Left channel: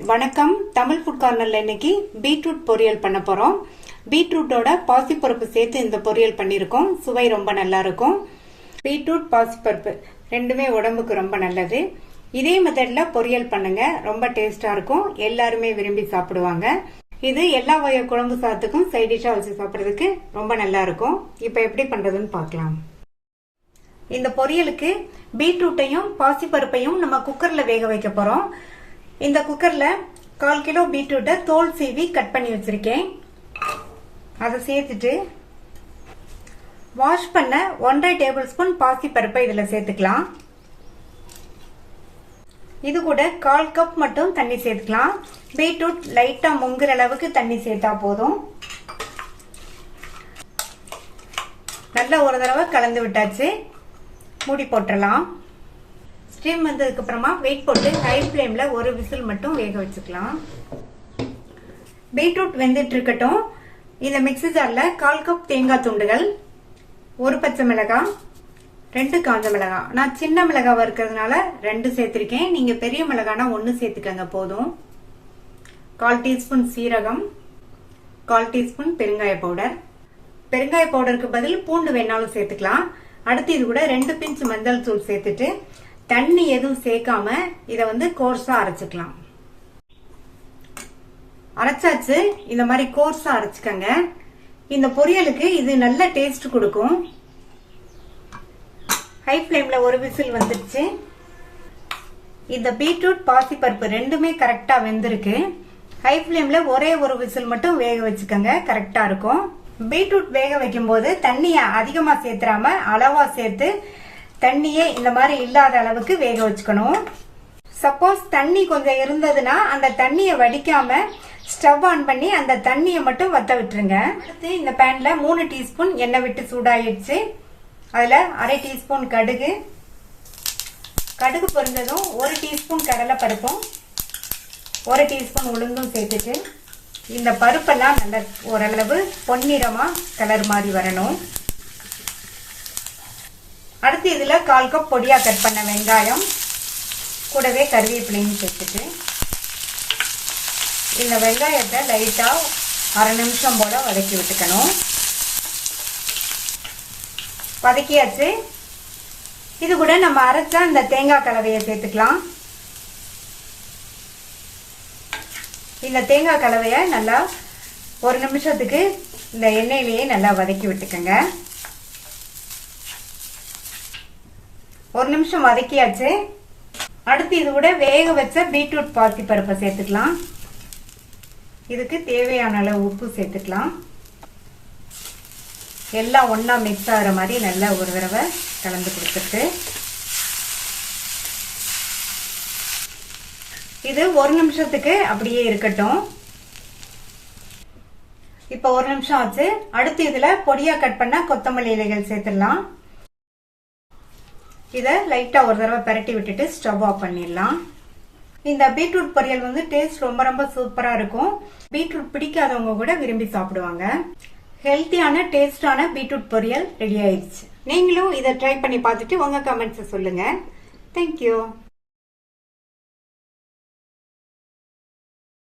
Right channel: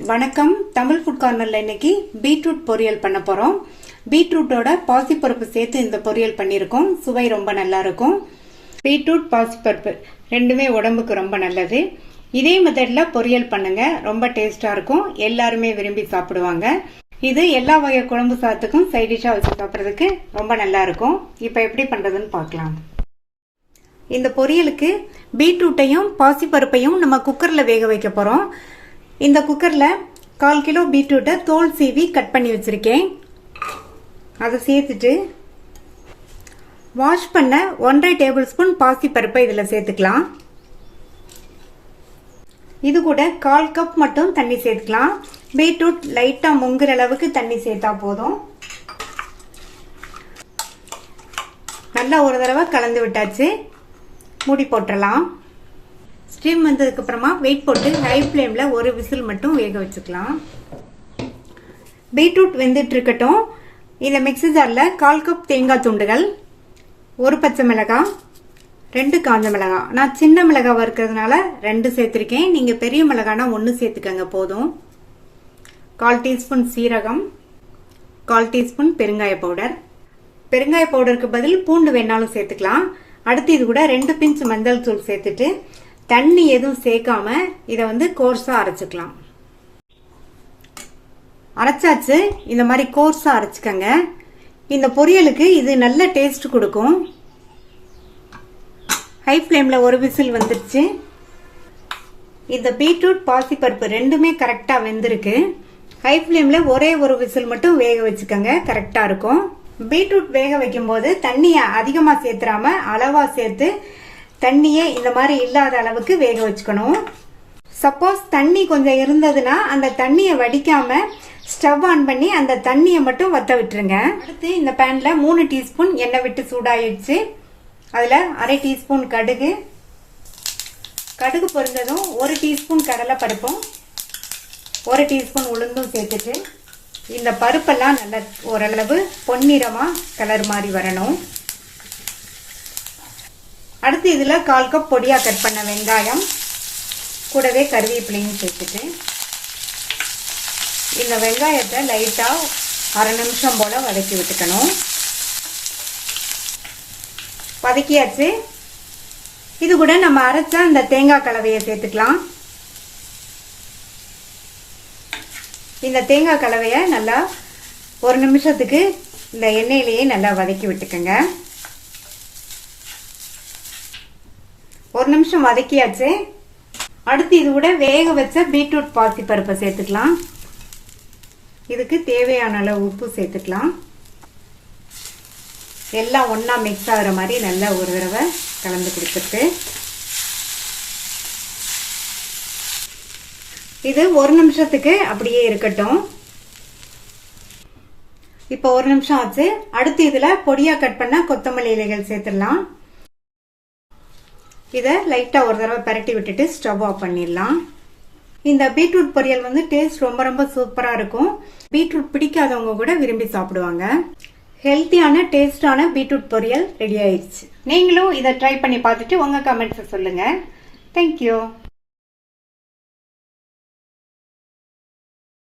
வணக்கம். தமிழ் ஃபுட் கார்னர்ல இன்னைக்கு பீட்ரூட் பொரியல் பண்ண போறோம். பீட்ரூட்டோட பாசிப்பருப்பு சேர்த்து இந்த பொரியல் பண்ணியிருக்கோம். சுவை ரொம்ப நல்லா இருக்கும். பீட்ரூட் பாசிப்பருப்பு ரெண்டுமே உடம்புக்கு ரொம்ப நல்லது. இதே மெத்தட்ல பொரியல் பண்ணுங்க, ரொம்ப டேஸ்டா இருக்கும். எல்லாருமே விரும்பி சாப்பிடுவாங்க. இது எல்லா வகை குழம்பு சாதத்துக்கும் சைட் டிஷ்ஷா வச்சு சாப்பிட்றதுக்கு ரொம்ப நல்லா இருக்கும். இப்போ எப்படி பண்றதுன்னு பார்க்கலாம். இந்த பொரியலுக்கு பீட்ரூட்டையும் பாசிப்பருப்பையும் நம்ம குக்கர்ல வேக வைக்க போறோம். இந்த குக்கர்ல 1/4 கிலோ பீட்ரூட்டை தோல் சீவி கட் பண்ணி வச்சிருக்கேன். அதை சேர்த்துட்டு வாஷ் பண்ண 1.5 டேபிள் ஸ்பூன் பாசிப்பருப்பை இதுல சேர்த்துக்கலாம். இது கூட 1/4 கப் மட்டும் தண்ணி சேர்த்துக்கலாம். பீட்ரூட் லைட்டா முங்குற அளவுக்கு தண்ணி சேர்த்தா போதும். நல்லா ஒரு தடவை கலந்து விட்டாச்சு. மூடி போட்டுடலாம். ஸ்டீம் வந்ததுக்கு அப்புறமா வெயிட் போட்டு ஹை ஃப்ளேம்ல ஒரு விசில் மட்டும் வேக வச்சுக்கலாம். பீட்ரூட் வெந்துட்டு இருக்கட்டும். இந்த மிக்ஸி ஜார்ல 1/4 கப் தேங்காய் துண்டுகள், ஒரு பச்சை மிளகாய், 2 காஞ்ச மிளகாய். நான் சின்ன மிளகாய் இருக்கிறதுனால 2 சேர்த்திருக்கேன். நீங்க பெரிய மிளகானா 1 சேர்த்துக்கங்க போதும். 1/4 டீஸ்பூன் சீரகம், 1/4 டீஸ்பூன் பெருங்காய பவுடர். பெருங்காய பவுடருக்கு பதில் பூண்டு வேணாலும் சேர்த்துக்கலாம். அடுத்து இது கூட 2 பிஞ்ச் மஞ்சள் தூள் சேர்த்துட்டு தண்ணி எதுவும் சேர்க்காம இதை கோர்ஸா அரைச்சுக்கலாம். அரைச்சாச்சு. இந்த மாதிரி கோர்ஸா அரைச்சுக்கங்க. இந்த பொரியலுக்கு இது நல்ல டேஸ்ட் கொடுக்கும். ஹை ஃப்ளேம்ல ஒரு விசில் வந்துருச்சு. இந்த பீட்ரூட் பாசிப்பருப்பு ரெண்டுமே கரெக்டா வெந்திருக்கு. ஹை ஃப்ளேம்ல ஒரே ஒரு விசில் மட்டும் வேக வச்சுக்கோங்க, கரெக்டா இருக்கும். பீட்ரூட் வேக வைக்கும் போது தண்ணிய அதிகமா சேர்த்துறாம அளவா சேர்த்து தண்ணியே இந்த மாதிரி இல்லாத அளவுக்கு வேக வச்சுக்கணும். சப்போஸ் தண்ணி கொஞ்சம் இருந்ததுன்னா அந்த தண்ணியை வடிக்காம ஸ்டவ் ஆன் பண்ணி அந்த தண்ணியை மட்டும் வத்த விட்டுருங்க. அடுத்து இந்த பேன்ல 3 டீஸ்பூன் எண்ணெய் விட்டு சூடாயிடுச்சு. அதுல 1/2 டீஸ்பூன் கடுகு, கடுகு பொரிஞ்சதும் 1 டீஸ்பூன் கடலை பருப்பும் 1 டீஸ்பூன் உளுந்தும் சேர்த்துட்டு இந்த பருப்பெல்லாம் நல்ல ஓரளவு பொன்னிறமா கலர் மாதிரி வரணும். அடுத்து இதுல 1/4 கப் பொடியா கட் பண்ண வெங்காயம், கூடவே கருவேப்பிலையும் சேர்த்துட்டு இந்த வெங்காயத்தை லைட்டா 1/2 நிமிஷம் போல வதக்கி விட்டுக்கணும். வதக்கியாச்சு. இது கூட நம்ம அரைச்சா இந்த தேங்காய் கலவையை சேர்த்துக்கலாம். இந்த தேங்காய் கலவையை நல்லா 1 நிமிஷத்துக்கு இந்த எண்ணெயிலேயே நல்லா வதக்கி விட்டுக்கங்க. 1 நிமிஷம் வதக்கியாச்சு. அடுத்து இது கூட வேக வச்ச பீட்ரூட் பாசிப்பருப்பை சேர்த்துக்கலாம். இதுக்கு தேவையான அளவு உப்பு சேர்த்துக்கலாம். எல்லாம் ஒன்னா மிக்ஸ் ஆகிற மாதிரி நல்லா ஒரு தடவை கலந்து கொடுத்துட்டு இது 1 நிமிஷத்துக்கு அப்படியே இருக்கட்டும். இப்ப 1 நிமிஷம் ஆச்சு. அடுத்து இதுல பொடியா கட் பண்ண கொத்தமல்லி இலைகள் சேர்த்துடலாம். இதை லைட்டா ஒரு தடவை பரட்டி விட்டுட்டு ஸ்டவ் ஆஃப் பண்ணிடலாம். இந்த பீட்ரூட் பொரியல் டேஸ்ட் ரொம்ப ரொம்ப சூப்பரா இருக்கும். பீட்ரூட் பிடிக்காதவங்க கூட விரும்பி சாப்பிடுவாங்க. ஹெல்த்தியான டேஸ்டான பீட்ரூட் பொரியல் ரெடி ஆயிடுச்சு. நீங்களும் இதை ட்ரை பண்ணி பார்த்துட்டு உங்க கமெண்ட்ஸ் சொல்லுங்க. தேங்க்யூ.